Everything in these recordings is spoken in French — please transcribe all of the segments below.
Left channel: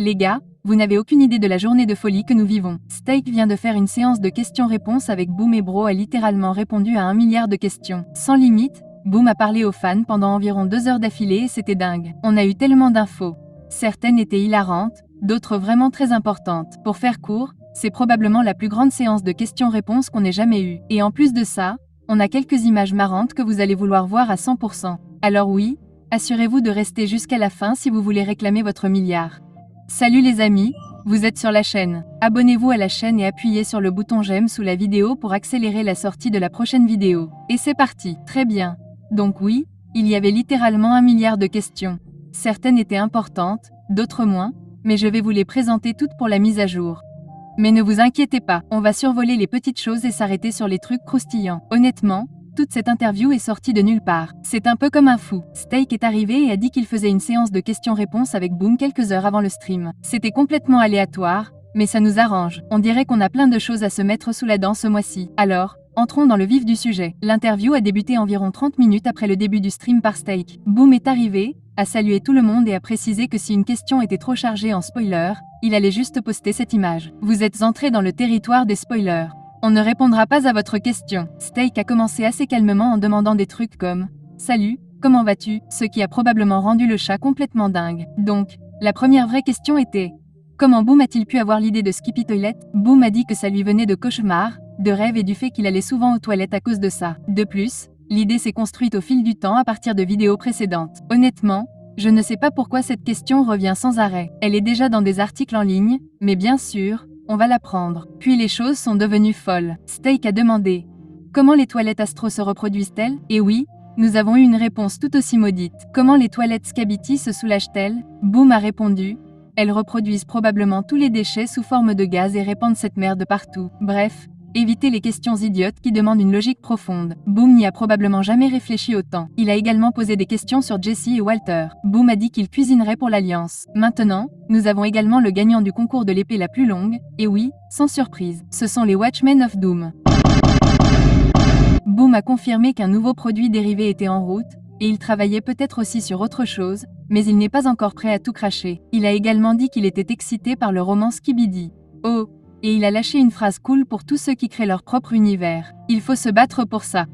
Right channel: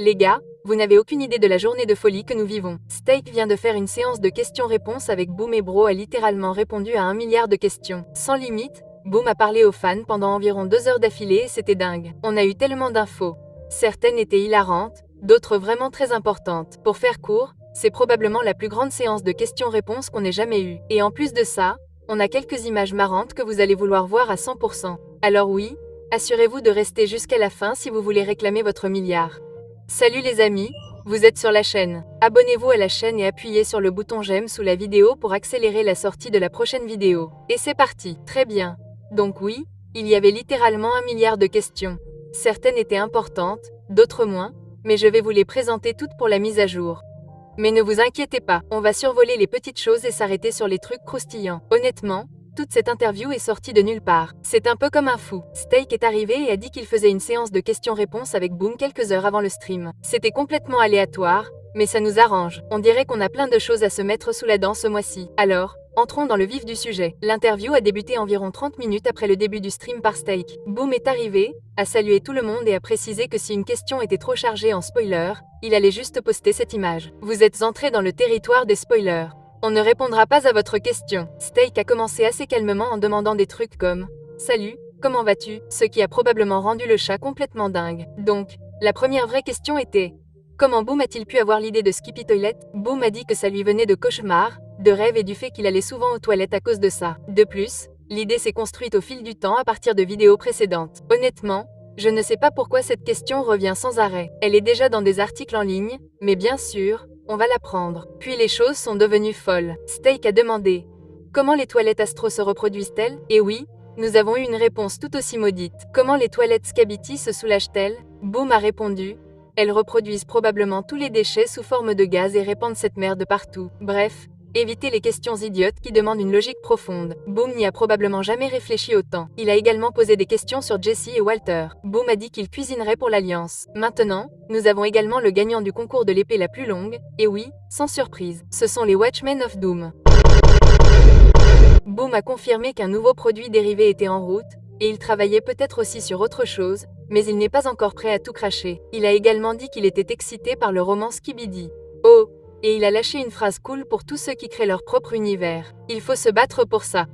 Les gars, vous n'avez aucune idée de la journée de folie que nous vivons. Steak vient de faire une séance de questions-réponses avec Boom et Bro a littéralement répondu à 1 milliard de questions. Sans limite, Boom a parlé aux fans pendant environ 2 heures d'affilée et c'était dingue. On a eu tellement d'infos. Certaines étaient hilarantes, d'autres vraiment très importantes. Pour faire court, c'est probablement la plus grande séance de questions-réponses qu'on ait jamais eue. Et en plus de ça, on a quelques images marrantes que vous allez vouloir voir à 100%. Alors oui, assurez-vous de rester jusqu'à la fin si vous voulez réclamer votre milliard. Salut les amis, vous êtes sur la chaîne. Abonnez-vous à la chaîne et appuyez sur le bouton j'aime sous la vidéo pour accélérer la sortie de la prochaine vidéo. Et c'est parti, très bien. Donc oui, il y avait littéralement 1 milliard de questions. Certaines étaient importantes, d'autres moins, mais je vais vous les présenter toutes pour la mise à jour. Mais ne vous inquiétez pas, on va survoler les petites choses et s'arrêter sur les trucs croustillants. Honnêtement, toute cette interview est sortie de nulle part. C'est un peu comme un fou. Steak est arrivé et a dit qu'il faisait une séance de questions-réponses avec Boom quelques heures avant le stream. C'était complètement aléatoire, mais ça nous arrange. On dirait qu'on a plein de choses à se mettre sous la dent ce mois-ci. Alors, entrons dans le vif du sujet. L'interview a débuté environ 30 minutes après le début du stream par Steak. Boom est arrivé, a salué tout le monde et a précisé que si une question était trop chargée en spoiler, il allait juste poster cette image. Vous êtes entré dans le territoire des spoilers. On ne répondra pas à votre question. Steak a commencé assez calmement en demandant des trucs comme « Salut, comment vas-tu ?» ce qui a probablement rendu le chat complètement dingue. Donc, la première vraie question était « Comment Boom a-t-il pu avoir l'idée de Skippy Toilet ?» Boom a dit que ça lui venait de cauchemars, de rêves et du fait qu'il allait souvent aux toilettes à cause de ça. De plus, l'idée s'est construite au fil du temps à partir de vidéos précédentes. Honnêtement, je ne sais pas pourquoi cette question revient sans arrêt. Elle est déjà dans des articles en ligne, mais bien sûr, on va la prendre. Puis les choses sont devenues folles. Steak a demandé « Comment les toilettes Astro se reproduisent-elles ?» Et oui, nous avons eu une réponse tout aussi maudite. « Comment les toilettes Skibidi se soulagent-elles ?» Boom a répondu « Elles reproduisent probablement tous les déchets sous forme de gaz et répandent cette merde partout. » Bref, évitez les questions idiotes qui demandent une logique profonde. Boom n'y a probablement jamais réfléchi autant. Il a également posé des questions sur Jesse et Walter. Boom a dit qu'il cuisinerait pour l'Alliance. Maintenant, nous avons également le gagnant du concours de l'épée la plus longue, et oui, sans surprise, ce sont les Watchmen of Doom. Boom a confirmé qu'un nouveau produit dérivé était en route, et il travaillait peut-être aussi sur autre chose, mais il n'est pas encore prêt à tout cracher. Il a également dit qu'il était excité par le roman Skibidi. Oh! Et il a lâché une phrase cool pour tous ceux qui créent leur propre univers. Il faut se battre pour ça.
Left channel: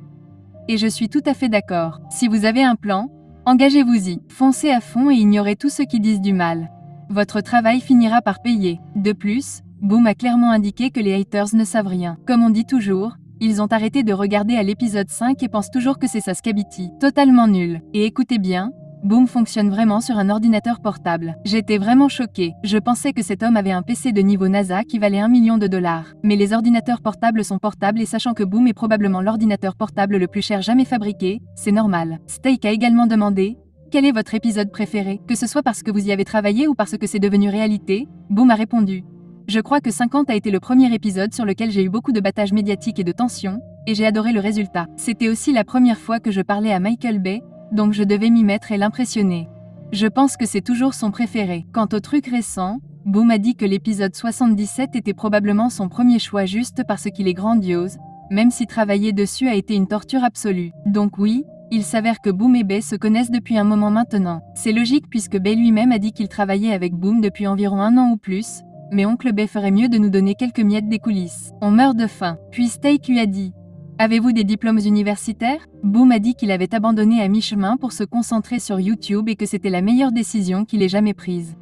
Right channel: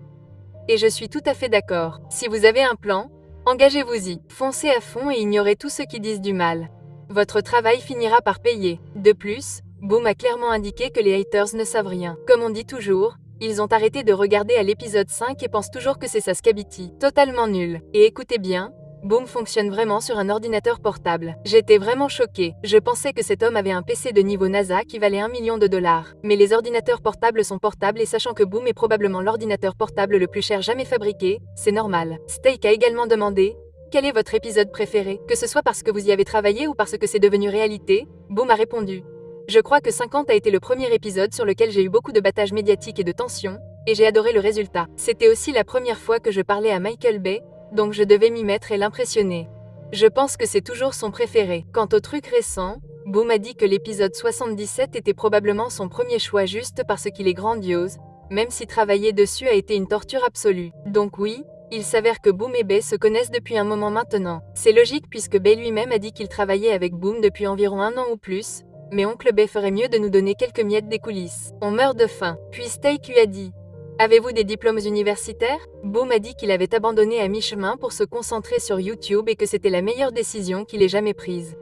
Et je suis tout à fait d'accord. Si vous avez un plan, engagez-vous-y. Foncez à fond et ignorez tous ceux qui disent du mal. Votre travail finira par payer. De plus, Boom a clairement indiqué que les haters ne savent rien. Comme on dit toujours, ils ont arrêté de regarder à l'épisode 5 et pensent toujours que c'est ça Skibidi. Totalement nul. Et écoutez bien, Boom fonctionne vraiment sur un ordinateur portable. J'étais vraiment choquée. Je pensais que cet homme avait un PC de niveau NASA qui valait 1 million de dollars. Mais les ordinateurs portables sont portables et sachant que Boom est probablement l'ordinateur portable le plus cher jamais fabriqué, c'est normal. Steak a également demandé « Quel est votre épisode préféré ?» Que ce soit parce que vous y avez travaillé ou parce que c'est devenu réalité, Boom a répondu « Je crois que 50 a été le premier épisode sur lequel j'ai eu beaucoup de battage médiatique et de tension, et j'ai adoré le résultat. C'était aussi la première fois que je parlais à Michael Bay, donc je devais m'y mettre et l'impressionner. Je pense que c'est toujours son préféré. Quant au truc récent, Boom a dit que l'épisode 77 était probablement son premier choix juste parce qu'il est grandiose, même si travailler dessus a été une torture absolue. Donc oui, il s'avère que Boom et Bay se connaissent depuis un moment maintenant. C'est logique puisque Bay lui-même a dit qu'il travaillait avec Boom depuis environ 1 an ou plus, mais oncle Bay ferait mieux de nous donner quelques miettes des coulisses. On meurt de faim. Puis Steak lui a dit « Avez-vous des diplômes universitaires ?» Boom a dit qu'il avait abandonné à mi-chemin pour se concentrer sur YouTube et que c'était la meilleure décision qu'il ait jamais prise.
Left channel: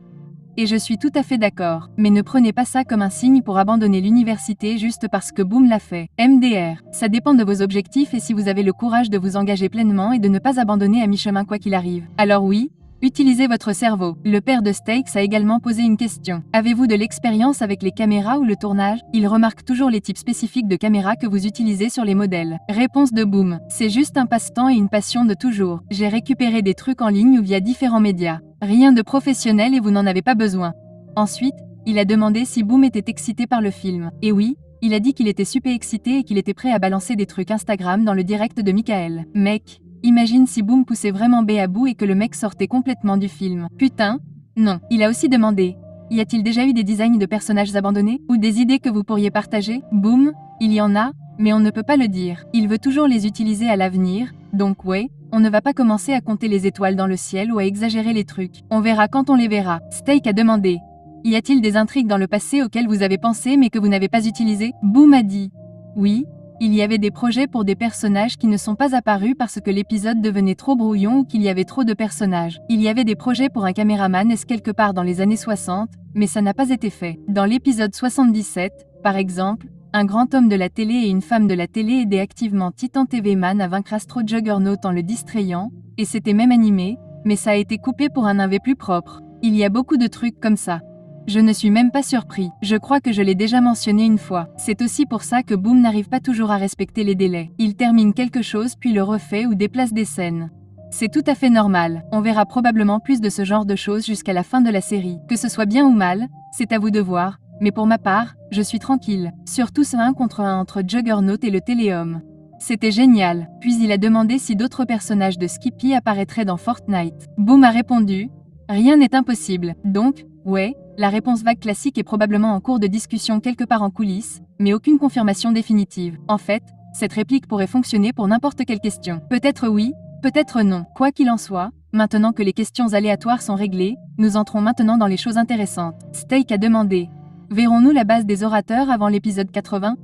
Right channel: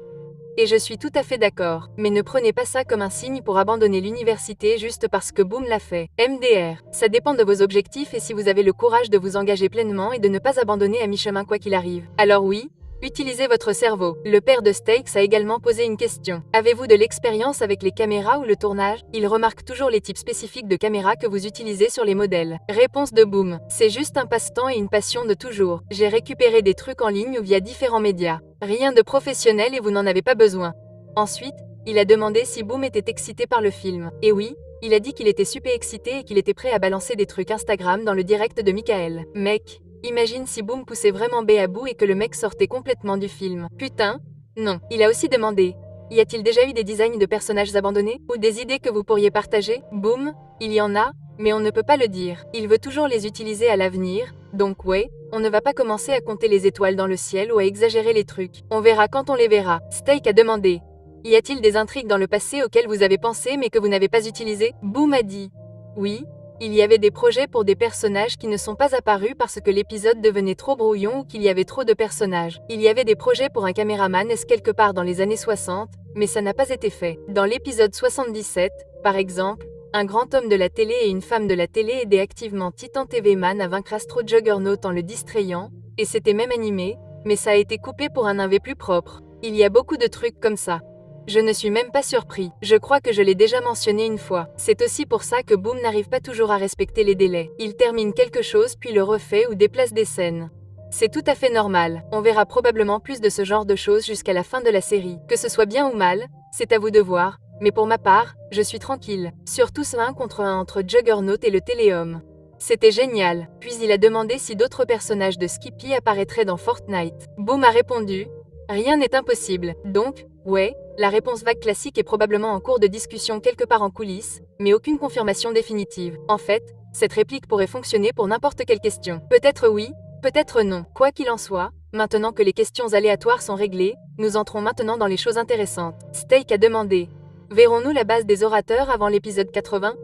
Et je suis tout à fait d'accord, mais ne prenez pas ça comme un signe pour abandonner l'université juste parce que Boom l'a fait. MDR, ça dépend de vos objectifs et si vous avez le courage de vous engager pleinement et de ne pas abandonner à mi-chemin quoi qu'il arrive. Alors oui, utilisez votre cerveau. Le père de Steaks a également posé une question. Avez-vous de l'expérience avec les caméras ou le tournage? Il remarque toujours les types spécifiques de caméras que vous utilisez sur les modèles. Réponse de Boom. C'est juste un passe-temps et une passion de toujours. J'ai récupéré des trucs en ligne ou via différents médias. Rien de professionnel et vous n'en avez pas besoin. Ensuite, il a demandé si Boom était excité par le film. Et oui, il a dit qu'il était super excité et qu'il était prêt à balancer des trucs Instagram dans le direct de Michael. Mec, imagine si Boom poussait vraiment B à bout et que le mec sortait complètement du film. Putain, non. Il a aussi demandé « Y a-t-il déjà eu des designs de personnages abandonnés? Ou des idées que vous pourriez partager ?» Boom, il y en a, mais on ne peut pas le dire. Il veut toujours les utiliser à l'avenir, donc ouais, on ne va pas commencer à compter les étoiles dans le ciel ou à exagérer les trucs. On verra quand on les verra. Steak a demandé Y a-t-il des intrigues dans le passé auxquelles vous avez pensé mais que vous n'avez pas utilisées? Boom a dit. Oui, il y avait des projets pour des personnages qui ne sont pas apparus parce que l'épisode devenait trop brouillon ou qu'il y avait trop de personnages. Il y avait des projets pour un caméraman quelque part dans les années 60, mais ça n'a pas été fait. Dans l'épisode 77, par exemple, un grand homme de la télé et une femme de la télé aidaient activement Titan TV Man à vaincre Astro Juggernaut en le distrayant, et c'était même animé, mais ça a été coupé pour un AV plus propre. Il y a beaucoup de trucs comme ça. Je ne suis même pas surpris, je crois que je l'ai déjà mentionné une fois. C'est aussi pour ça que Boom n'arrive pas toujours à respecter les délais. Il termine quelque chose puis le refait ou déplace des scènes. C'est tout à fait normal, on verra probablement plus de ce genre de choses jusqu'à la fin de la série. Que ce soit bien ou mal, c'est à vous de voir, mais pour ma part, je suis tranquille. Surtout ce 1 contre 1 entre Juggernaut et le Téléhomme. C'était génial, puis il a demandé si d'autres personnages de Skippy apparaîtraient dans Fortnite. Boom a répondu, rien n'est impossible, donc, ouais, la réponse vague classique est probablement en cours de discussion quelque part en coulisses, mais aucune confirmation définitive. En fait, cette réplique pourrait fonctionner pour n'importe quelle question. Peut-être oui, peut-être non. Quoi qu'il en soit, maintenant que les questions aléatoires sont réglées, nous entrons maintenant dans les choses intéressantes. Steak a demandé, verrons-nous la base des orateurs avant l'épisode 80?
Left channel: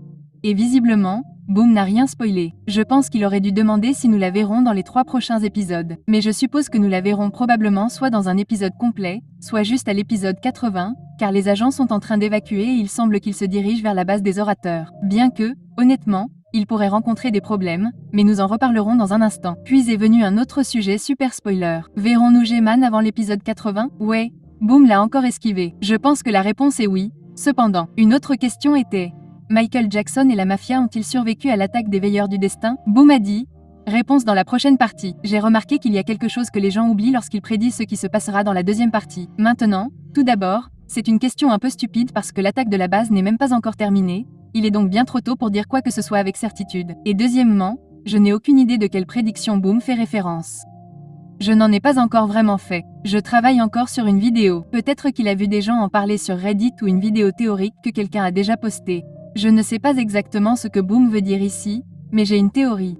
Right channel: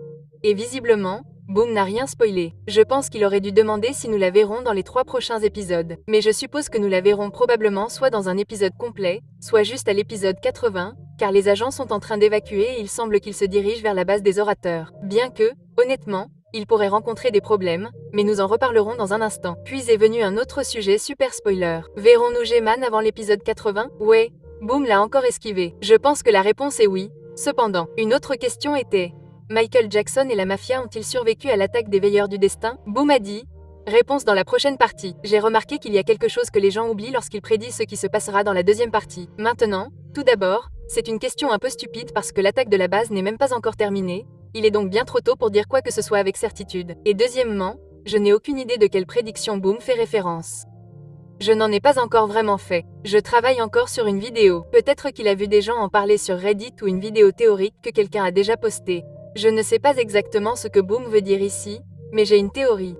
Et visiblement, Boom n'a rien spoilé. Je pense qu'il aurait dû demander si nous la verrons dans les 3 prochains épisodes. Mais je suppose que nous la verrons probablement soit dans un épisode complet, soit juste à l'épisode 80, car les agents sont en train d'évacuer et il semble qu'ils se dirigent vers la base des orateurs. Bien que, honnêtement, ils pourraient rencontrer des problèmes, mais nous en reparlerons dans un instant. Puis est venu un autre sujet super spoiler. Verrons-nous G-Man avant l'épisode 80? Ouais, Boom l'a encore esquivé. Je pense que la réponse est oui. Cependant, une autre question était: Michael Jackson et la mafia ont-ils survécu à l'attaque des Veilleurs du Destin? Boom a dit. Réponse dans la prochaine partie. J'ai remarqué qu'il y a quelque chose que les gens oublient lorsqu'ils prédisent ce qui se passera dans la deuxième partie. Maintenant, tout d'abord, c'est une question un peu stupide parce que l'attaque de la base n'est même pas encore terminée, il est donc bien trop tôt pour dire quoi que ce soit avec certitude. Et deuxièmement, je n'ai aucune idée de quelle prédiction Boom fait référence. Je n'en ai pas encore vraiment fait. Je travaille encore sur une vidéo. Peut-être qu'il a vu des gens en parler sur Reddit ou une vidéo théorique que quelqu'un a déjà postée. Je ne sais pas exactement ce que Boom veut dire ici, mais j'ai une théorie.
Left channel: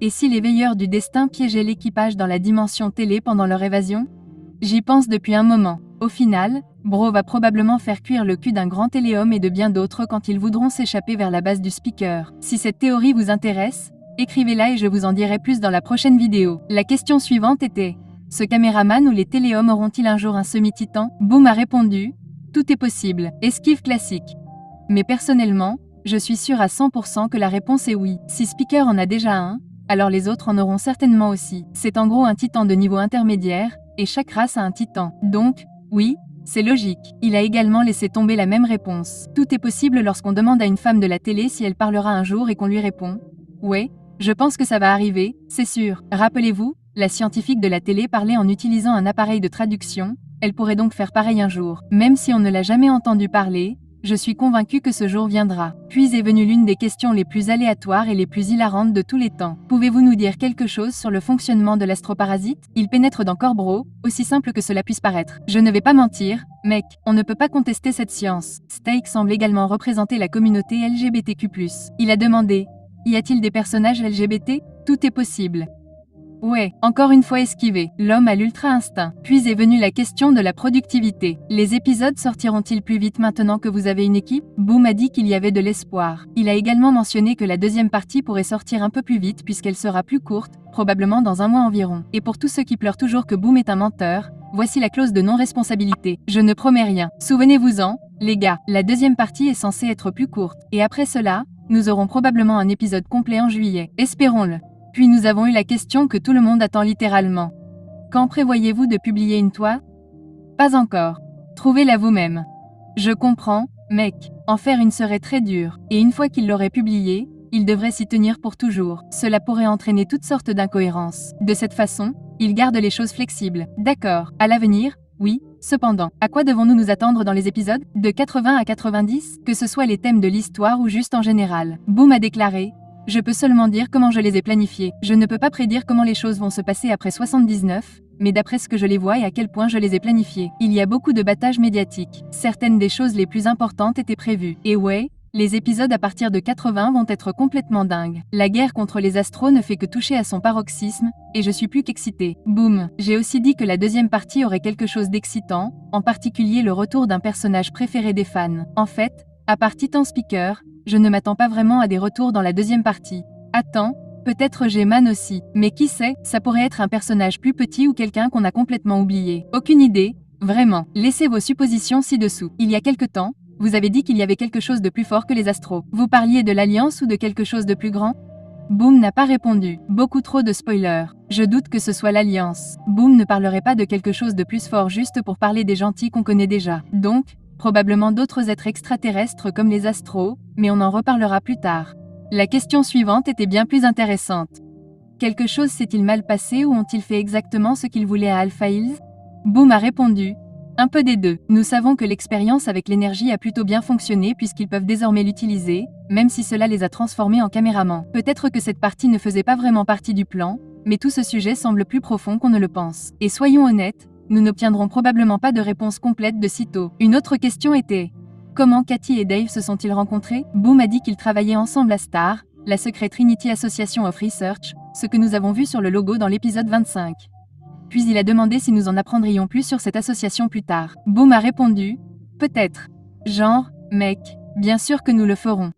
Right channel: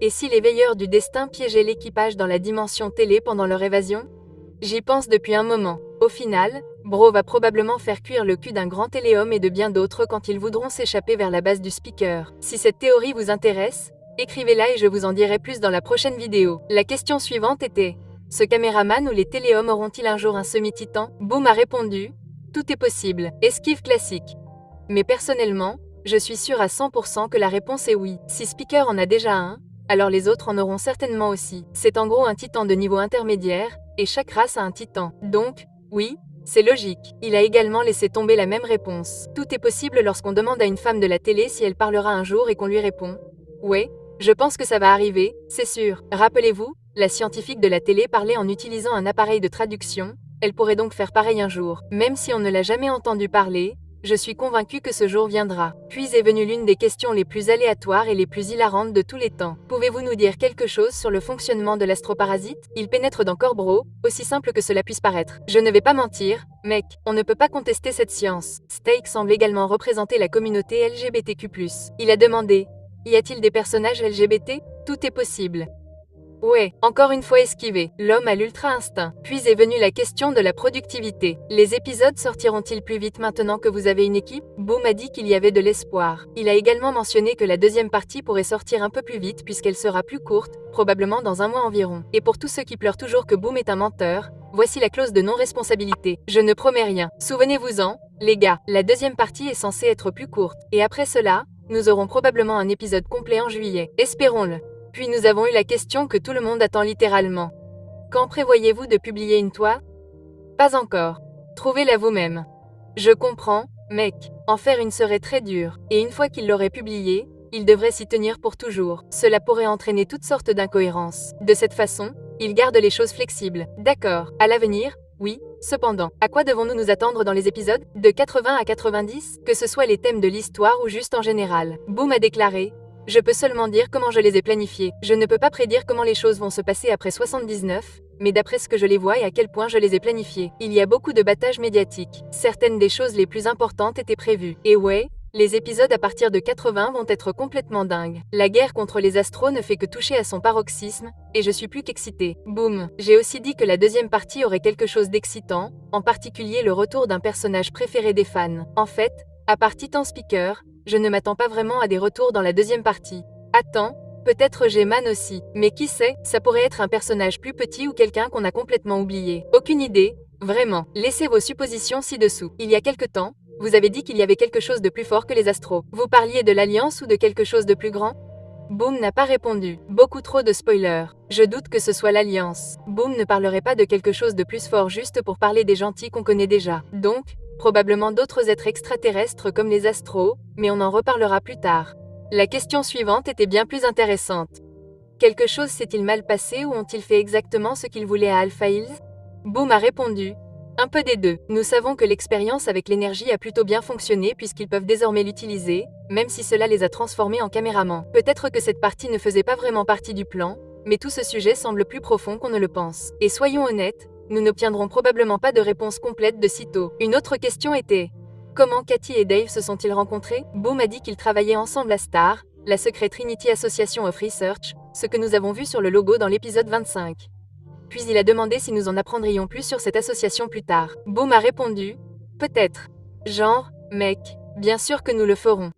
Et si les Veilleurs du Destin piégeaient l'équipage dans la dimension télé pendant leur évasion? J'y pense depuis un moment. Au final, Bro va probablement faire cuire le cul d'un grand téléhomme et de bien d'autres quand ils voudront s'échapper vers la base du speaker. Si cette théorie vous intéresse, écrivez-la et je vous en dirai plus dans la prochaine vidéo. La question suivante était: ce caméraman ou les téléhommes auront-ils un jour un semi-titan? Boom a répondu: tout est possible. Esquive classique. Mais personnellement, je suis sûre à 100% que la réponse est oui. Si Speaker en a déjà un, alors les autres en auront certainement aussi. C'est en gros un titan de niveau intermédiaire, et chaque race a un titan. Donc, oui, c'est logique. Il a également laissé tomber la même réponse. Tout est possible lorsqu'on demande à une femme de la télé si elle parlera un jour et qu'on lui répond: ouais, je pense que ça va arriver, c'est sûr. Rappelez-vous, la scientifique de la télé parlait en utilisant un appareil de traduction, elle pourrait donc faire pareil un jour. Même si on ne l'a jamais entendu parler, je suis convaincue que ce jour viendra. Puis est venue l'une des questions les plus aléatoires et les plus hilarantes de tous les temps. Pouvez-vous nous dire quelque chose sur le fonctionnement de l'astroparasite? Il pénètre dans Corbro, aussi simple que cela puisse paraître. Je ne vais pas mentir, mec, on ne peut pas contester cette science. Steak semble également représenter la communauté LGBTQ+. Il a demandé: y a-t-il des personnages LGBT? Tout est possible. Ouais, encore une fois esquivé, l'homme a l'ultra-instinct. Puis est venue la question de la productivité. Les épisodes sortiront-ils plus vite maintenant que vous avez une équipe? Boom a dit qu'il y avait de l'espoir. Il a également mentionné que la deuxième partie pourrait sortir un peu plus vite puisqu'elle sera plus courte, probablement dans un mois environ. Et pour tous ceux qui pleurent toujours que Boom est un menteur, voici la clause de non-responsabilité. Je ne promets rien. Souvenez-vous-en, les gars, la deuxième partie est censée être plus courte. Et après cela, nous aurons probablement un épisode complet en juillet. Espérons-le. Puis nous avons eu la question que tout le monde attend littéralement. Quand prévoyez-vous de publier une toile? Pas encore. Trouvez-la vous-même. Je comprends, mec. En faire une serait très dur. Et une fois qu'il l'aurait publiée, il devrait s'y tenir pour toujours. Cela pourrait entraîner toutes sortes d'incohérences. De cette façon, il garde les choses flexibles. D'accord. À l'avenir, oui. Cependant, à quoi devons-nous nous attendre dans les épisodes? De 80 à 90? Que ce soit les thèmes de l'histoire ou juste en général. Boom a déclaré: je peux seulement dire comment je les ai planifiés. Je ne peux pas prédire comment les choses vont se passer après 79, mais d'après ce que je les vois et à quel point je les ai planifiés. Il y a beaucoup de battages médiatiques. Certaines des choses les plus importantes étaient prévues. Et ouais, Les épisodes à partir de 80 vont être complètement dingues. La guerre contre les astros ne fait que toucher à son paroxysme, et je suis plus qu'excitée. Boum. J'ai aussi dit que la deuxième partie aurait quelque chose d'excitant, en particulier le retour d'un personnage préféré des fans. En fait, à part Titan Speaker, je ne m'attends pas vraiment à des retours dans la deuxième partie. Attends, peut-être G-Man aussi. Mais qui sait, ça pourrait être un personnage plus petit ou quelqu'un qu'on a complètement oublié. Aucune idée, vraiment. Laissez vos suppositions ci-dessous. Il y a quelque temps, vous avez dit qu'il y avait quelque chose de plus fort que les astros. Vous parliez de l'Alliance ou de quelque chose de plus grand? Boom n'a pas répondu. Beaucoup trop de spoilers. Je doute que ce soit l'Alliance. Boom ne parlerait pas de quelque chose de plus fort juste pour parler des gentils qu'on connaît déjà. Donc, probablement d'autres êtres extraterrestres comme les astros, mais on en reparlera plus tard. La question suivante était bien plus intéressante. Quelque chose s'est-il mal passé ou ont-ils fait exactement ce qu'ils voulaient à Alpha Hills? Boom a répondu. Un peu des deux. Nous savons que l'expérience avec l'énergie a plutôt bien fonctionné puisqu'ils peuvent désormais l'utiliser, même si cela les a transformés en caméramans. Peut-être que cette partie ne faisait pas vraiment partie du plan, mais tout ce sujet semble plus profond qu'on ne le pense. Et soyons honnêtes, nous n'obtiendrons probablement pas de réponse complète de sitôt. Une autre question était: comment Katy et Dave se sont-ils rencontrés? Boom a dit qu'ils travaillaient ensemble à STAR, la Secret Trinity Association of Research, ce que nous avons vu sur le logo dans l'épisode 25. Puis il a demandé si nous en apprendrions plus sur cette association plus tard. Boom a répondu: peut-être. Genre, mec, bien sûr que nous le ferons.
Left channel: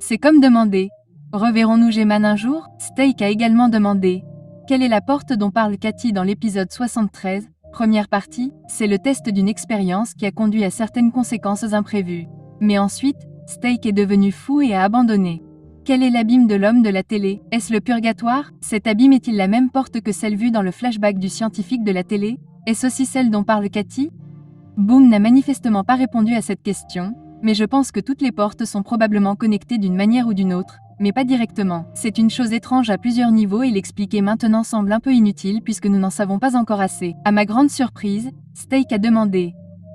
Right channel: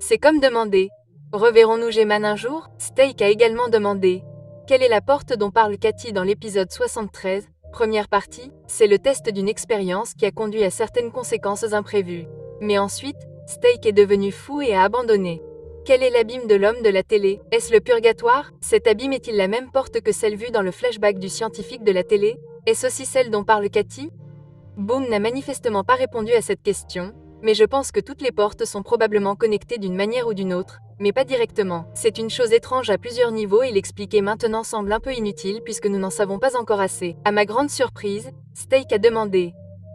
C'est comme demander: reverrons-nous G-Man un jour? Steak a également demandé: quelle est la porte dont parle Katy dans l'épisode 73, première partie? C'est le test d'une expérience qui a conduit à certaines conséquences imprévues. Mais ensuite, Steak est devenu fou et a abandonné. Quel est l'abîme de l'homme de la télé? Est-ce le purgatoire? Cet abîme est-il la même porte que celle vue dans le flashback du scientifique de la télé? Est-ce aussi celle dont parle Katy? Boom n'a manifestement pas répondu à cette question, mais je pense que toutes les portes sont probablement connectées d'une manière ou d'une autre, mais pas directement. C'est une chose étrange à plusieurs niveaux et l'expliquer maintenant semble un peu inutile puisque nous n'en savons pas encore assez. À ma grande surprise, Steak a demandé:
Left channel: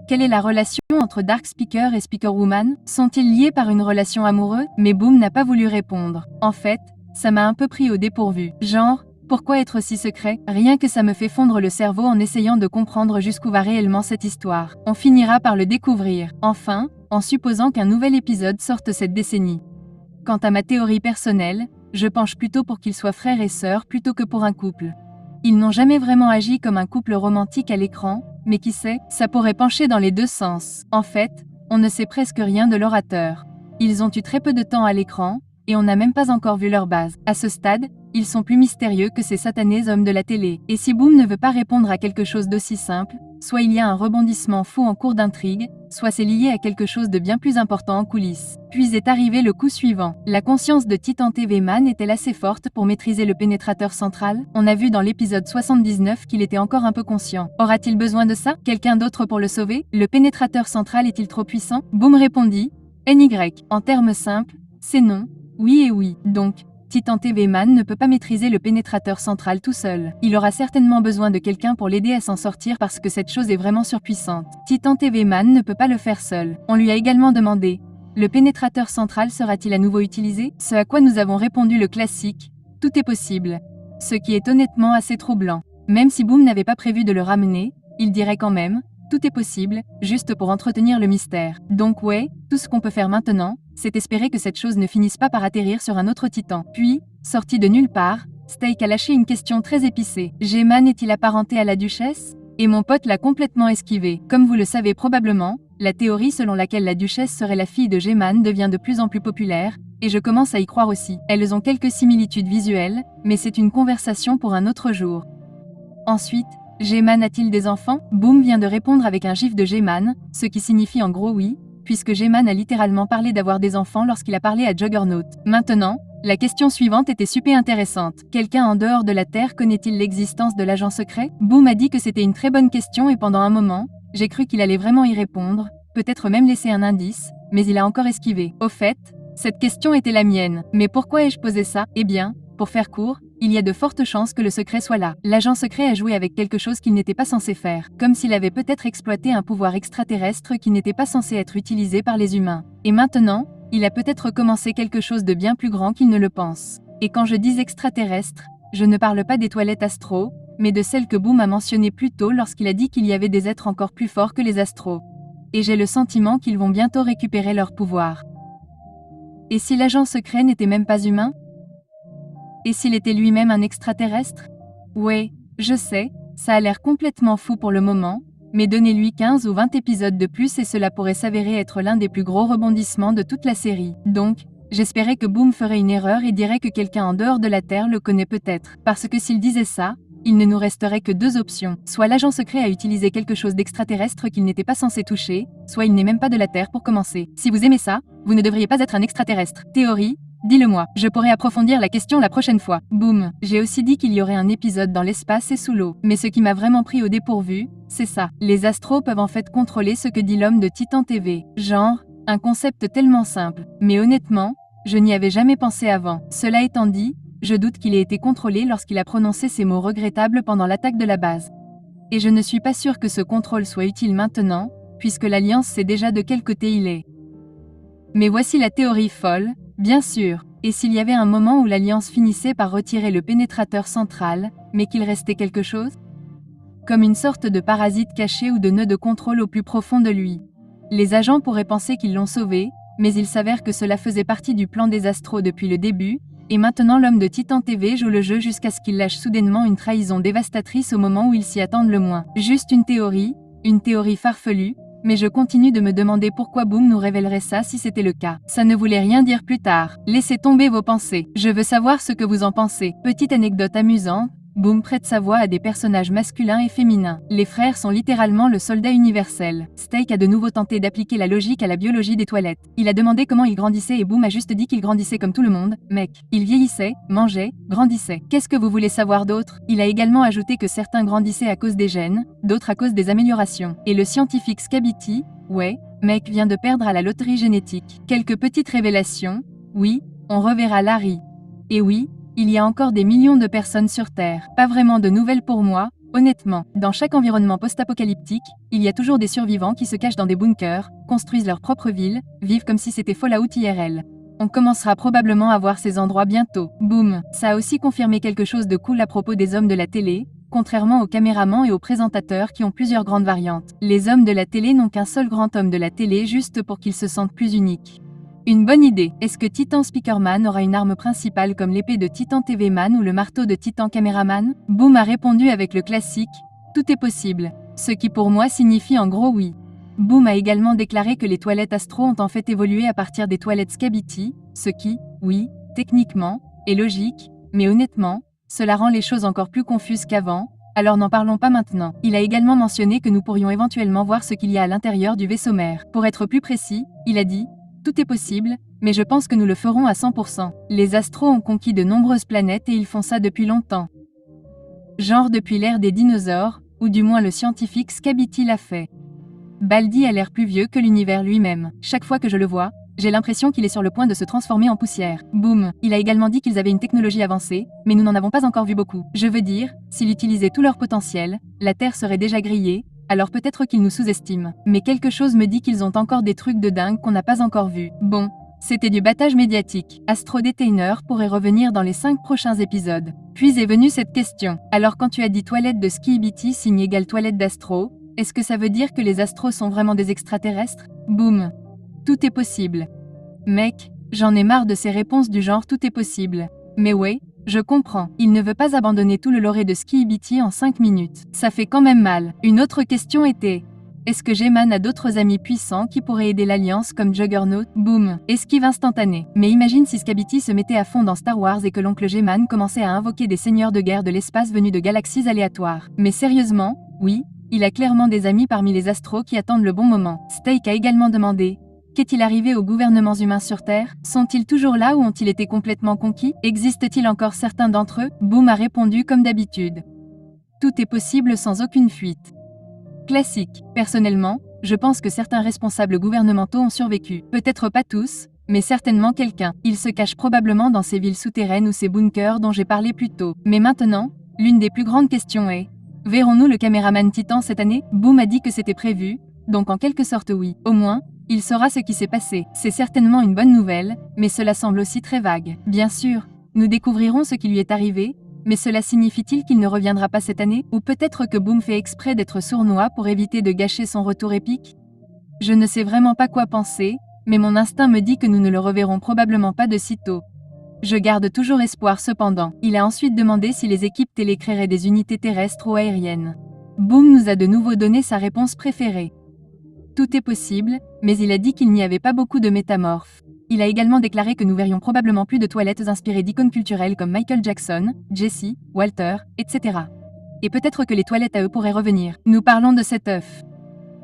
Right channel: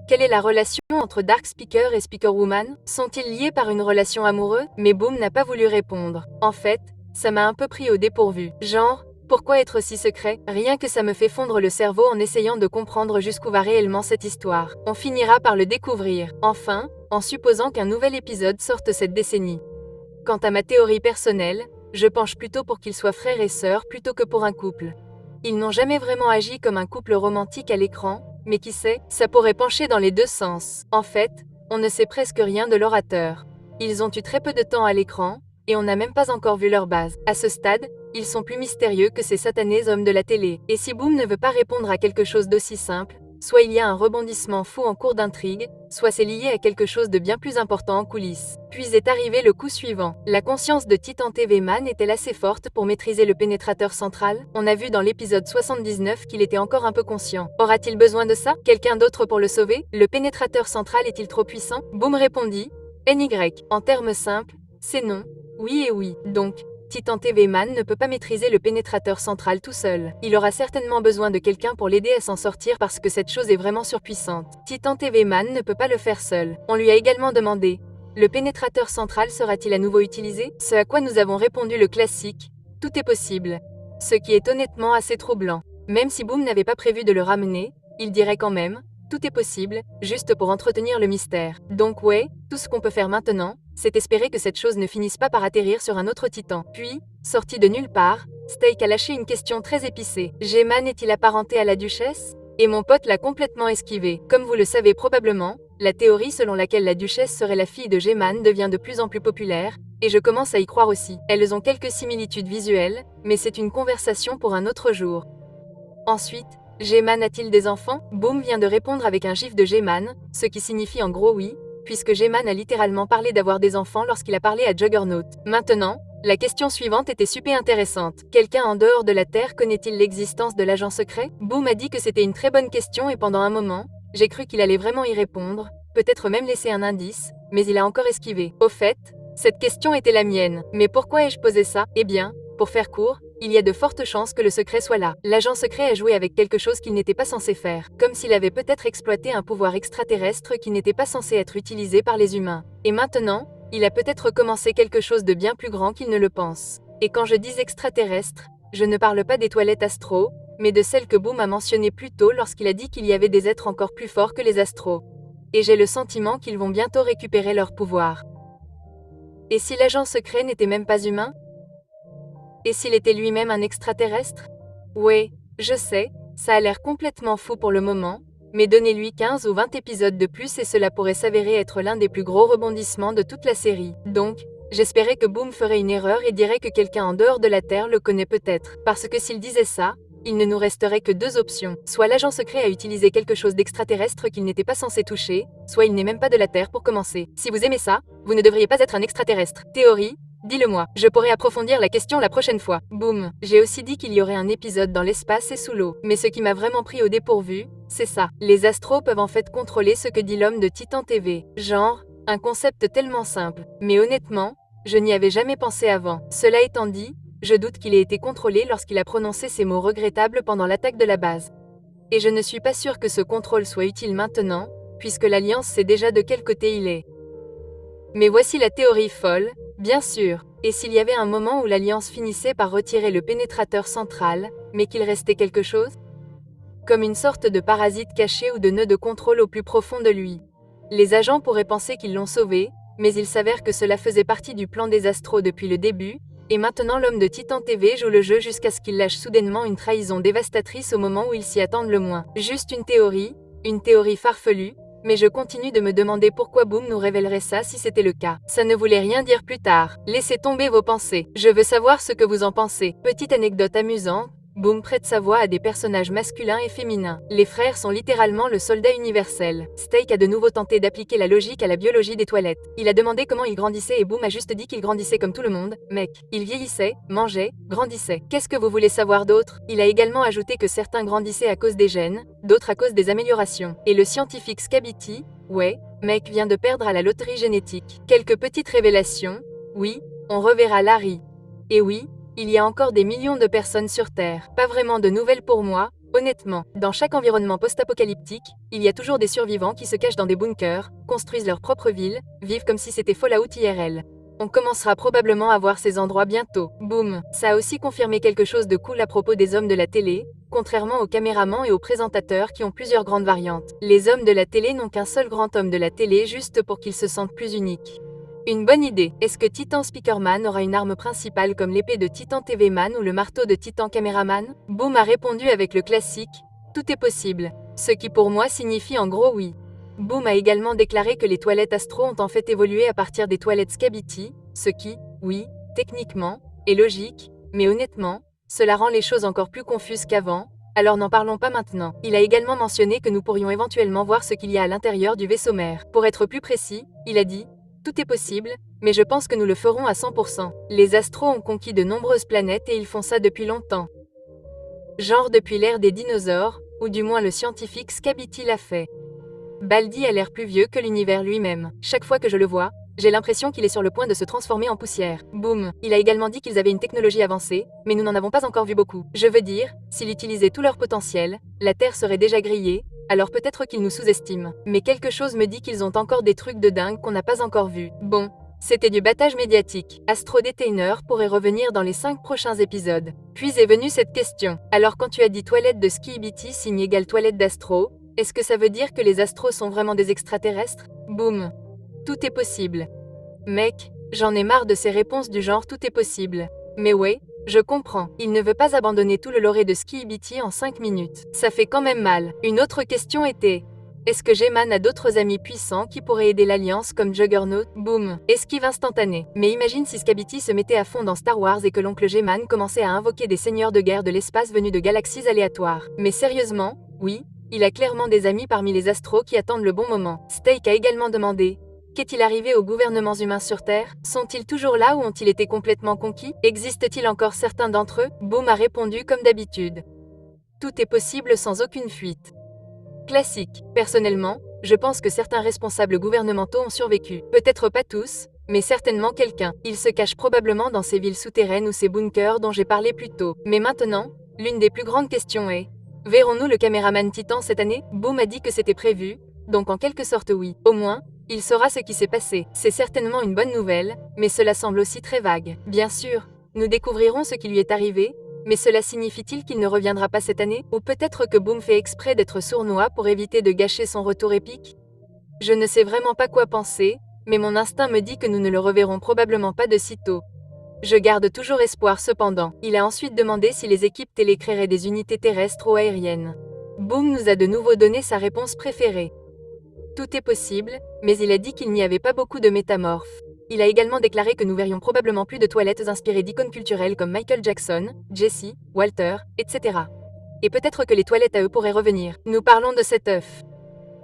quelle est la relation entre Dark Speaker et Speaker Woman? Sont-ils liés par une relation amoureuse? Mais Boom n'a pas voulu répondre. En fait, ça m'a un peu pris au dépourvu. Genre, pourquoi être si secret? Rien que ça me fait fondre le cerveau en essayant de comprendre jusqu'où va réellement cette histoire. On finira par le découvrir. Enfin, en supposant qu'un nouvel épisode sorte cette décennie. Quant à ma théorie personnelle, je penche plutôt pour qu'ils soient frères et sœurs plutôt que pour un couple. Ils n'ont jamais vraiment agi comme un couple romantique à l'écran, mais qui sait, ça pourrait pencher dans les deux sens. En fait, on ne sait presque rien de l'orateur. Ils ont eu très peu de temps à l'écran, et on n'a même pas encore vu leur base. À ce stade, ils sont plus mystérieux que ces satanés hommes de la télé. Et si Boom ne veut pas répondre à quelque chose d'aussi simple, soit il y a un rebondissement fou en cours d'intrigue, soit c'est lié à quelque chose de bien plus important en coulisses. Puis est arrivé le coup suivant. La conscience de Titan TV Man est-elle assez forte pour maîtriser le pénétrateur central? On a vu dans l'épisode 79 qu'il était encore un peu conscient. Aura-t-il besoin de ça? Quelqu'un d'autre pour le sauver? Le pénétrateur central est-il trop puissant? Boom répondit: NY. En termes simples, c'est non, oui et oui. Donc, Titan TV Man ne peut pas maîtriser le pénétrateur central tout seul. Il aura certainement besoin de quelqu'un pour l'aider à s'en sortir parce que cette chose est vraiment surpuissante. Titan TV Man ne peut pas le faire seul. On lui a également demandé: le pénétrateur central sera-t-il à nouveau utilisé? Ce à quoi nous avons répondu le classique: tout est possible. Ce qui est honnêtement assez troublant. Même si Boom n'avait pas prévu de le ramener, il dirait quand même: tout est possible, juste pour entretenir le mystère. Donc ouais, tout ce qu'on peut faire maintenant, c'est espérer que cette chose ne finisse pas par atterrir sur un autre titan. Puis, sorti de nulle part, Steak a lâché une question très épicée. G-Man est-il apparenté à la duchesse? Et mon pote l'a complètement esquivé. Comme vous le savez probablement, la théorie selon laquelle la duchesse serait la fille de G-Man devient de plus en plus populaire, et je commence à y croire aussi. Elles ont quelques similitudes visuelles, mais c'est une conversation pour un autre jour. Ensuite, G-Man a-t-il des enfants? Boom vient de répondre avec un gif de G-Man, ce qui signifie en gros oui, puisque G-Man a littéralement parlé d'avoir des enfants lorsqu'il a parlé à Juggernaut. Maintenant, la question suivante était super intéressante. Quelqu'un en dehors de la Terre connaît-il l'existence de l'agent secret? Boom a dit que c'était une très bonne question et pendant un moment, j'ai cru qu'il allait vraiment y répondre, peut-être même laisser un indice, mais il a encore esquivé. Au fait, cette question était la mienne. Mais pourquoi ai-je posé ça? Eh bien, pour faire court, il y a de fortes chances que le secret soit là. L'agent secret a joué avec quelque chose qu'il n'était pas censé faire, comme s'il avait peut-être exploité un pouvoir extraterrestre qui n'était pas censé être utilisé par les humains. Et maintenant, il a peut-être commencé quelque chose de bien plus grand qu'il ne le pense. Et quand je dis extraterrestre, je ne parle pas des toilettes astro, mais de celles que Boom a mentionnées plus tôt lorsqu'il a dit qu'il y avait des êtres encore plus forts que les astros. Et j'ai le sentiment qu'ils vont bientôt récupérer leur pouvoir. Et si l'agent secret n'était même pas humain? Et s'il était lui-même un extraterrestre? Ouais, je sais, ça a l'air complètement fou pour le moment, mais donnez-lui 15 ou 20 épisodes de plus et cela pourrait s'avérer être l'un des plus gros rebondissements de toute la série. Donc, j'espérais que Boom ferait une erreur et dirait que quelqu'un en dehors de la Terre le connaît peut-être. Parce que s'il disait ça, il ne nous resterait que deux options. Soit l'agent secret a utilisé quelque chose d'extraterrestre qu'il n'était pas censé toucher, soit il n'est même pas de la Terre pour commencer. Si vous aimez ça, vous ne devriez pas être un extraterrestre. Théorie? Dis-le-moi, je pourrais approfondir la question la prochaine fois. Boum. J'ai aussi dit qu'il y aurait un épisode dans l'espace et sous l'eau. Mais ce qui m'a vraiment pris au dépourvu, c'est ça. Les astros peuvent en fait contrôler ce que dit l'homme de Titan TV. Genre, un concept tellement simple. Mais honnêtement, je n'y avais jamais pensé avant. Cela étant dit, je doute qu'il ait été contrôlé lorsqu'il a prononcé ces mots regrettables pendant l'attaque de la base. Et je ne suis pas sûr que ce contrôle soit utile maintenant, puisque l'Alliance sait déjà de quel côté il est. Mais voici la théorie folle, bien sûr. Et s'il y avait un moment où l'Alliance finissait par retirer le pénétrateur central, mais qu'il restait quelque chose? Comme une sorte de parasite caché ou de nœud de contrôle au plus profond de lui. Les agents pourraient penser qu'ils l'ont sauvé, mais il s'avère que cela faisait partie du plan des astros depuis le début, et maintenant l'homme de Titan TV joue le jeu jusqu'à ce qu'il lâche soudainement une trahison dévastatrice au moment où ils s'y attendent le moins. Juste une théorie farfelue, mais je continue de me demander pourquoi Boom nous révélerait ça si c'était le cas. Ça ne voulait rien dire plus tard. Laissez tomber vos pensées. Je veux savoir ce que vous en pensez. Petite anecdote amusante, Boom prête sa voix à des personnages masculins et féminins. Les frères sont littéralement le soldat universel. Steak a de nouveau tenté d'appliquer la logique à la biologie des toilettes. Il a demandé comment il grandissait et Boom a juste dit qu'il grandissait comme tout le monde, mec. Il vieillissait, mangeait, grandissait. Qu'est-ce que vous voulez savoir d'autre? Il a également ajouté que certains grandissaient à cause des gènes, d'autres à cause des améliorations. Et le scientifique Scabity, ouais, mec vient de perdre à la loterie génétique. Quelques petites révélations, oui, on reverra Larry. Et oui, il y a encore des millions de personnes sur Terre. Pas vraiment de nouvelles pour moi, honnêtement. Dans chaque environnement post-apocalyptique, il y a toujours des survivants qui se cachent dans des bunkers, construisent leur propre ville, vivent comme si c'était Fallout IRL. On commencera probablement à voir ces endroits bientôt. Boum. Ça a aussi confirmé quelque chose de cool à propos des hommes de la télé, contrairement aux caméramans et aux présentateurs qui ont plusieurs grandes variantes. Les hommes de la télé n'ont qu'un seul grand homme de la télé juste pour qu'ils se sentent plus uniques. Une bonne idée. Est-ce que Titan Speakerman aura une arme principale comme l'épée de Titan TV Man ou le marteau de Titan Cameraman? Boom a répondu avec le classique « Tout est possible », ce qui pour moi signifie en gros oui. Boom a également déclaré que les toilettes Astro ont en fait évolué à partir des toilettes Scabity, ce qui, oui, techniquement, est logique, mais honnêtement, cela rend les choses encore plus confuses qu'avant, alors n'en parlons pas maintenant. Il a également mentionné que nous pourrions éventuellement voir ce qu'il y a à l'intérieur du vaisseau mère. Pour être plus précis, il a dit tout est possible, mais je pense que nous le ferons à 100%. Les astros ont conquis de nombreuses planètes et ils font ça depuis longtemps. Genre depuis l'ère des dinosaures, ou du moins le scientifique Scabity l'a fait. Baldi a l'air plus vieux que l'univers lui-même. Chaque fois que je le vois, j'ai l'impression qu'il est sur le point de se transformer en poussière. Boum. Il a également dit qu'ils avaient une technologie avancée, mais nous n'en avons pas encore vu beaucoup. Je veux dire, s'ils utilisaient tout leur potentiel, la Terre serait déjà grillée, alors peut-être qu'ils nous sous-estiment. Mais quelque chose me dit qu'ils ont encore des trucs de dingue qu'on n'a pas encore vus. Bon, c'était du battage médiatique. Astro Detainer pourrait revenir dans les 5 prochains épisodes. Puis est venue cette question. Alors quand tu as dit toilette de Skibidi signe égale toilette d'Astro, est-ce que ça veut dire que les astros sont vraiment des extraterrestres? Boum. Tout est possible. Mec, j'en ai marre de ces réponses du genre tout est possible. Mais ouais, je comprends. Il ne veut pas abandonner tout le lore de Skibidi en 5 minutes. Ça fait quand même mal. Une autre question était: est-ce que G-Man a d'autres amis puissants qui pourraient aider l'Alliance comme Juggernaut? Boum. Esquive instantanée. Mais imagine si Skibidi se mettait à fond dans Star Wars et que l'oncle G-Man commençait à invoquer des seigneurs de guerre de l'espace venus de galaxies aléatoires. Mais sérieusement, oui, il a clairement des amis parmi les astros qui attendent le bon moment. Steak a également demandé: qu'est-il arrivé aux gouvernements humains sur Terre? Sont-ils toujours là ou ont-ils été complètement conquis? Existe-t-il encore certains d'entre eux? Boom a répondu comme d'habitude: tout est possible sans aucune fuite. Classique. Personnellement, je pense que certains responsables gouvernementaux ont survécu. Peut-être pas tous, mais certainement quelqu'un. Ils se cachent probablement dans ces villes souterraines ou ces bunkers dont j'ai parlé plus tôt. Mais maintenant, l'une des plus grandes questions est: verrons-nous le caméraman Titan cette année? Boom a dit que c'était prévu, donc en quelque sorte oui. Au moins, il saura ce qui s'est passé. C'est certainement une bonne nouvelle, mais cela semble aussi très vague. Bien sûr, nous découvrirons ce qui lui est arrivé, mais cela signifie-t-il qu'il ne reviendra pas cette année? Ou peut-être que Boom fait exprès d'être sournois pour éviter de gâcher son retour épique? Je ne sais vraiment pas quoi penser, mais mon instinct me dit que nous ne le reverrons probablement pas de sitôt. Je garde toujours espoir cependant. Il a ensuite demandé si les équipes télé créeraient des unités terrestres ou aériennes. Boom nous a de nouveau donné sa réponse préférée. Tout est possible, mais il a dit qu'il n'y avait pas beaucoup de métamorphes. Il a également déclaré que nous verrions probablement plus de toilettes inspirées d'icônes culturelles comme Michael Jackson, Jesse, Walter, etc. Et peut-être que les toilettes à eux pourraient revenir. Nous parlons de cet œuf.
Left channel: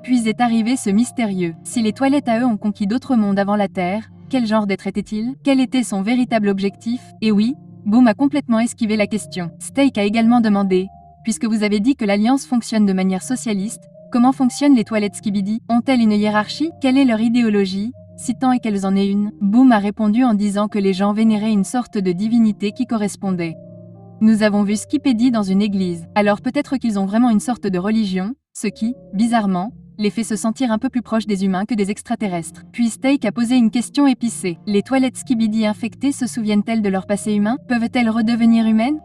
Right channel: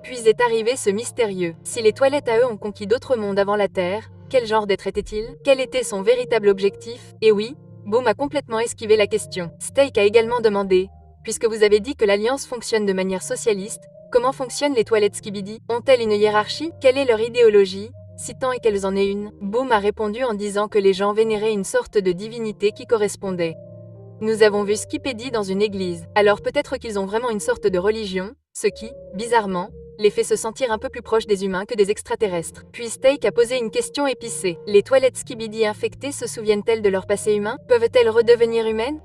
Puis est arrivé ce mystérieux. Si les toilettes à eux ont conquis d'autres mondes avant la Terre, quel genre d'être était-il? Quel était son véritable objectif? Et oui, Boom a complètement esquivé la question. Steak a également demandé, puisque vous avez dit que l'Alliance fonctionne de manière socialiste, comment fonctionnent les toilettes Skibidi? Ont-elles une hiérarchie? Quelle est leur idéologie? Si tant est qu'elles en aient une, Boom a répondu en disant que les gens vénéraient une sorte de divinité qui correspondait. Nous avons vu Skibidi dans une église, alors peut-être qu'ils ont vraiment une sorte de religion, ce qui, bizarrement, les fait se sentir un peu plus proches des humains que des extraterrestres. Puis Steak a posé une question épicée. Les toilettes Skibidi infectées se souviennent-elles de leur passé humain? Peuvent-elles redevenir humaines?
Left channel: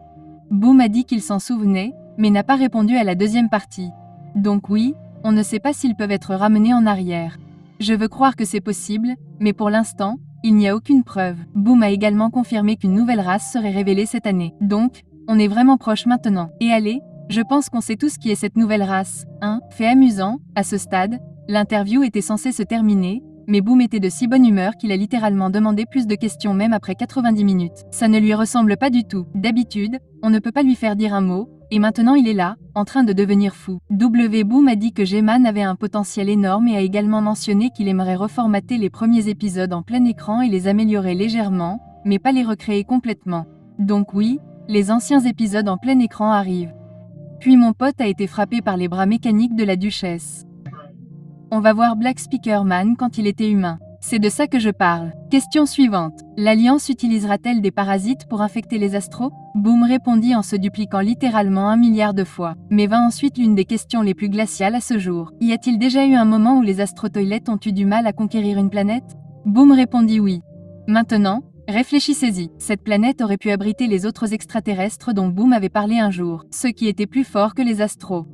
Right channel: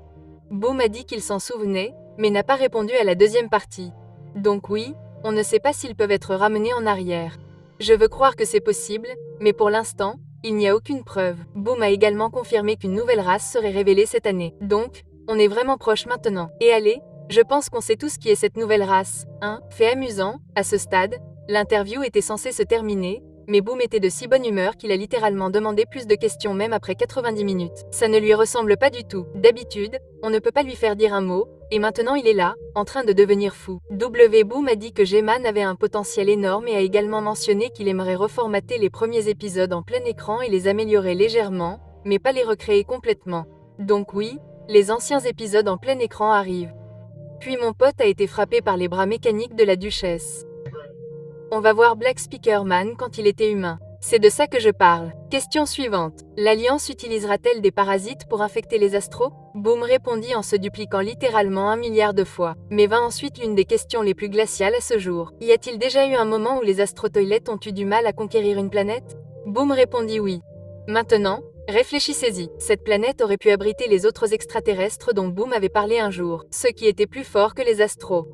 Boom a dit qu'il s'en souvenait, mais n'a pas répondu à la deuxième partie. Donc oui, on ne sait pas s'ils peuvent être ramenés en arrière. Je veux croire que c'est possible, mais pour l'instant, il n'y a aucune preuve. Boom a également confirmé qu'une nouvelle race serait révélée cette année. Donc, on est vraiment proche maintenant. Et allez, je pense qu'on sait tous qui est cette nouvelle race. Fait amusant, à ce stade, l'interview était censée se terminer, mais Boom était de si bonne humeur qu'il a littéralement demandé plus de questions même après 90 minutes. Ça ne lui ressemble pas du tout. D'habitude, on ne peut pas lui faire dire un mot, et maintenant il est là, en train de devenir fou. Boom a dit que G-Man avait un potentiel énorme et a également mentionné qu'il aimerait reformater les premiers épisodes en plein écran et les améliorer légèrement, mais pas les recréer complètement. Donc oui, les anciens épisodes en plein écran arrivent. Puis mon pote a été frappé par les bras mécaniques de la duchesse. On va voir Black Speaker Man quand il était humain. C'est de ça que je parle. Question suivante. L'Alliance utilisera-t-elle des parasites pour infecter les astros? Boom répondit en se dupliquant littéralement 1 milliard de fois. Mais vint ensuite l'une des questions les plus glaciales à ce jour. Y a-t-il déjà eu un moment où les astrotoilettes ont eu du mal à conquérir une planète? Boom répondit oui. Maintenant, réfléchissez-y. Cette planète aurait pu abriter les autres extraterrestres dont Boom avait parlé un jour, ceux qui étaient plus forts que les astros.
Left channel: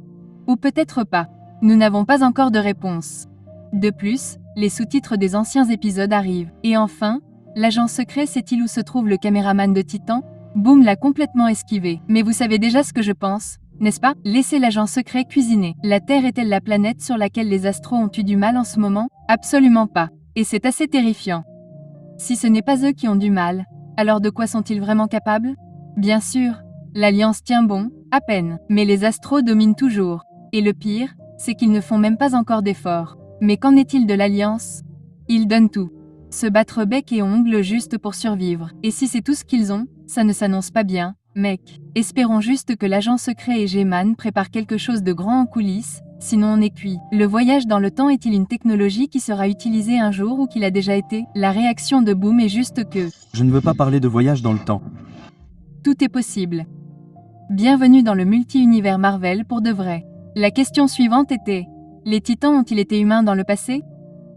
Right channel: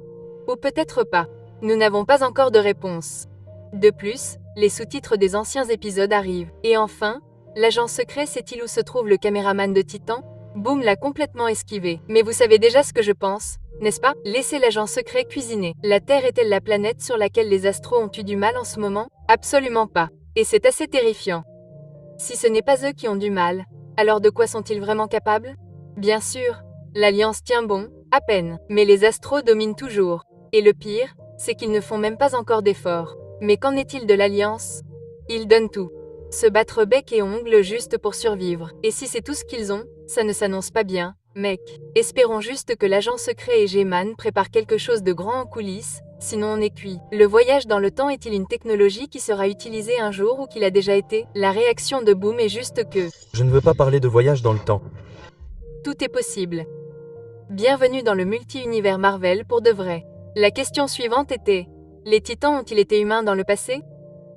Ou peut-être pas. Nous n'avons pas encore de réponse. De plus, les sous-titres des anciens épisodes arrivent. Et enfin, l'agent secret sait-il où se trouve le caméraman de Titan? Boom l'a complètement esquivé. Mais vous savez déjà ce que je pense, n'est-ce pas? Laissez l'agent secret cuisiner. La Terre est-elle la planète sur laquelle les astros ont eu du mal en ce moment? Absolument pas. Et c'est assez terrifiant. Si ce n'est pas eux qui ont du mal, alors de quoi sont-ils vraiment capables? Bien sûr, l'Alliance tient bon, à peine, mais les astros dominent toujours. Et le pire, c'est qu'ils ne font même pas encore d'efforts. Mais qu'en est-il de l'Alliance? Ils donnent tout. Se battre bec et ongles juste pour survivre. Et si c'est tout ce qu'ils ont, ça ne s'annonce pas bien, mec. Espérons juste que l'agent secret et G-Man préparent quelque chose de grand en coulisses, sinon on est cuit. Le voyage dans le temps est-il une technologie qui sera utilisée un jour ou qu'il a déjà été? La réaction de Boom est juste que... Je ne veux pas parler de voyage dans le temps. Tout est possible. Bienvenue dans le multi-univers Marvel pour de vrai. La question suivante était: les Titans ont-ils été humains dans le passé?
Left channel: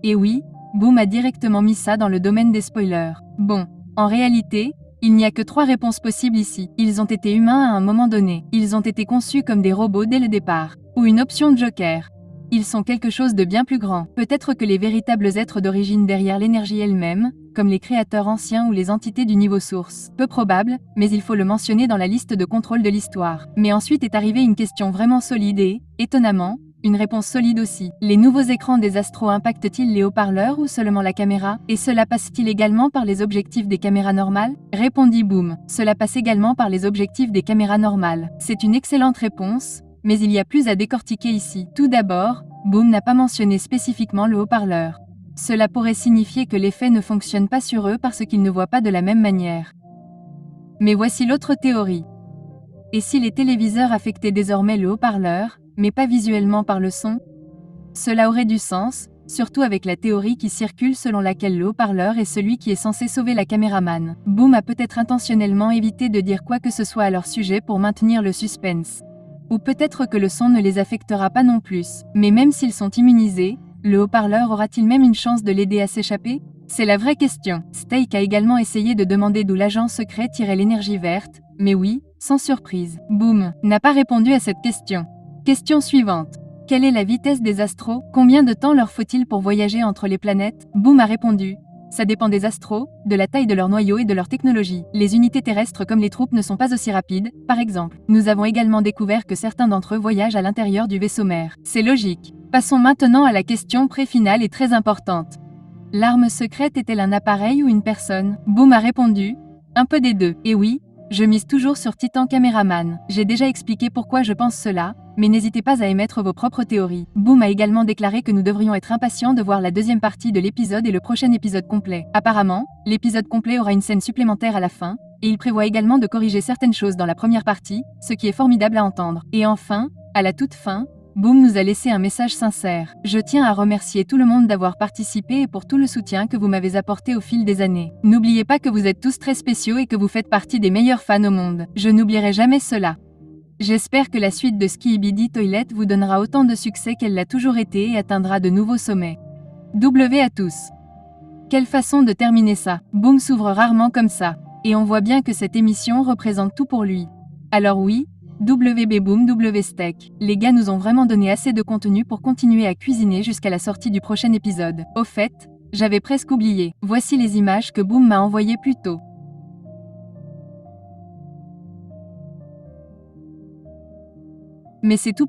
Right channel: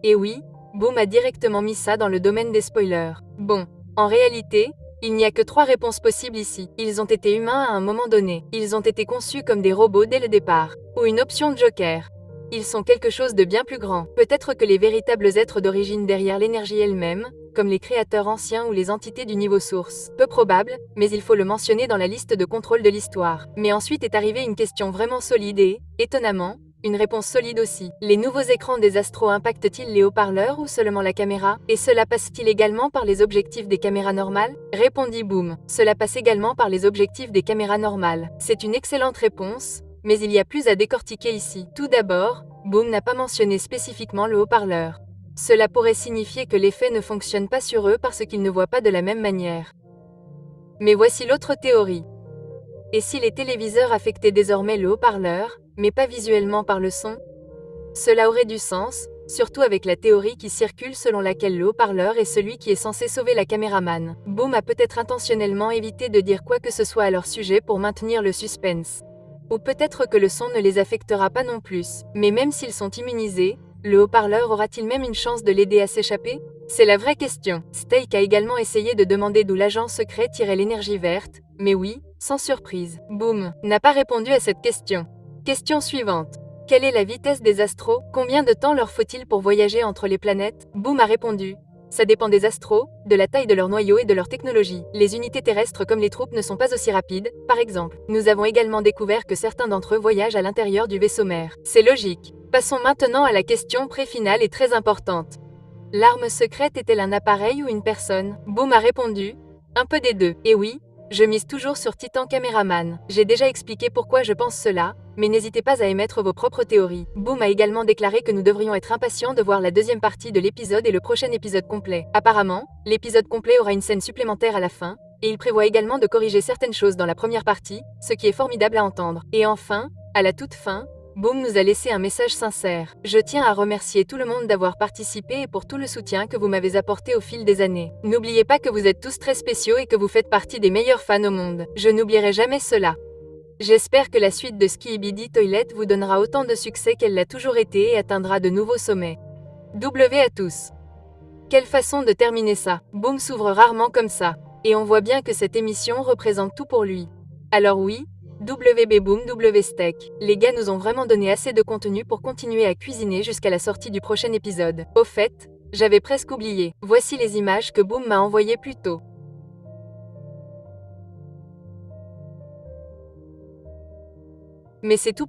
Et oui, Boom a directement mis ça dans le domaine des spoilers. Bon, en réalité, il n'y a que 3 réponses possibles ici. Ils ont été humains à un moment donné. Ils ont été conçus comme des robots dès le départ. Ou une option de Joker. Ils sont quelque chose de bien plus grand. Peut-être que les véritables êtres d'origine derrière l'énergie elle-même, comme les créateurs anciens ou les entités du niveau source. Peu probable, mais il faut le mentionner dans la liste de contrôle de l'histoire. Mais ensuite est arrivée une question vraiment solide et, étonnamment, une réponse solide aussi. Les nouveaux écrans des astros impactent-ils les haut-parleurs ou seulement la caméra? Et cela passe-t-il également par les objectifs des caméras normales? Répondit Boom. Cela passe également par les objectifs des caméras normales. C'est une excellente réponse, mais il y a plus à décortiquer ici. Tout d'abord, Boom n'a pas mentionné spécifiquement le haut-parleur. Cela pourrait signifier que l'effet ne fonctionne pas sur eux parce qu'ils ne voient pas de la même manière. Mais voici l'autre théorie. Et si les téléviseurs affectaient désormais le haut-parleur, mais pas visuellement par le son? Cela aurait du sens, surtout avec la théorie qui circule selon laquelle le haut-parleur est celui qui est censé sauver la caméraman. Boom a peut-être intentionnellement évité de dire quoi que ce soit à leur sujet pour maintenir le suspense. Ou peut-être que le son ne les affectera pas non plus. Mais même s'ils sont immunisés, le haut-parleur aura-t-il même une chance de l'aider à s'échapper? C'est la vraie question. Steak a également essayé de demander d'où l'agent secret tirait l'énergie verte, mais oui, sans surprise. Boom n'a pas répondu à cette question. Question suivante. Quelle est la vitesse des astros? Combien de temps leur faut-il pour voyager entre les planètes? Boom a répondu. Ça dépend des astros, de la taille de leur noyau et de leur technologie. Les unités terrestres comme les troupes ne sont pas aussi rapides, par exemple. Nous avons également découvert que certains d'entre eux voyagent à l'intérieur du vaisseau mère. C'est logique. Passons maintenant à la question pré-finale et très importante. L'arme secrète est-elle un appareil ou une personne? Boom a répondu. Un peu des deux. Et oui, je mise toujours sur Titan Caméraman. J'ai déjà expliqué pourquoi je pense cela, mais n'hésitez pas à émettre vos propres théories. Boom a également déclaré que nous devrions être impatients de voir la deuxième partie de l'épisode et le prochain épisode complet. Apparemment, l'épisode complet aura une scène supplémentaire à la fin, et il prévoit également de corriger certaines choses dans la première partie, ce qui est formidable à entendre. Et enfin, à la toute fin, Boom nous a laissé un message sincère. Je tiens à remercier tout le monde d'avoir participé et pour tout le soutien que vous m'avez apporté au fil des années. N'oubliez pas que vous êtes tous très spéciaux et que vous faites partie des meilleurs fans au monde. Je n'oublierai jamais cela. J'espère que la suite de Skibidi Toilet vous donnera autant de succès qu'elle l'a toujours été et atteindra de nouveaux sommets. W à tous. Quelle façon de terminer ça. Boom s'ouvre rarement comme ça. Et on voit bien que cette émission représente tout pour lui. Alors oui, WB Boom W Steak. Les gars nous ont vraiment donné assez de contenu pour continuer à cuisiner jusqu'à la sortie du prochain épisode. Au fait, j'avais presque oublié. Voici les images que Boom m'a envoyées plus tôt. Mais c'est tout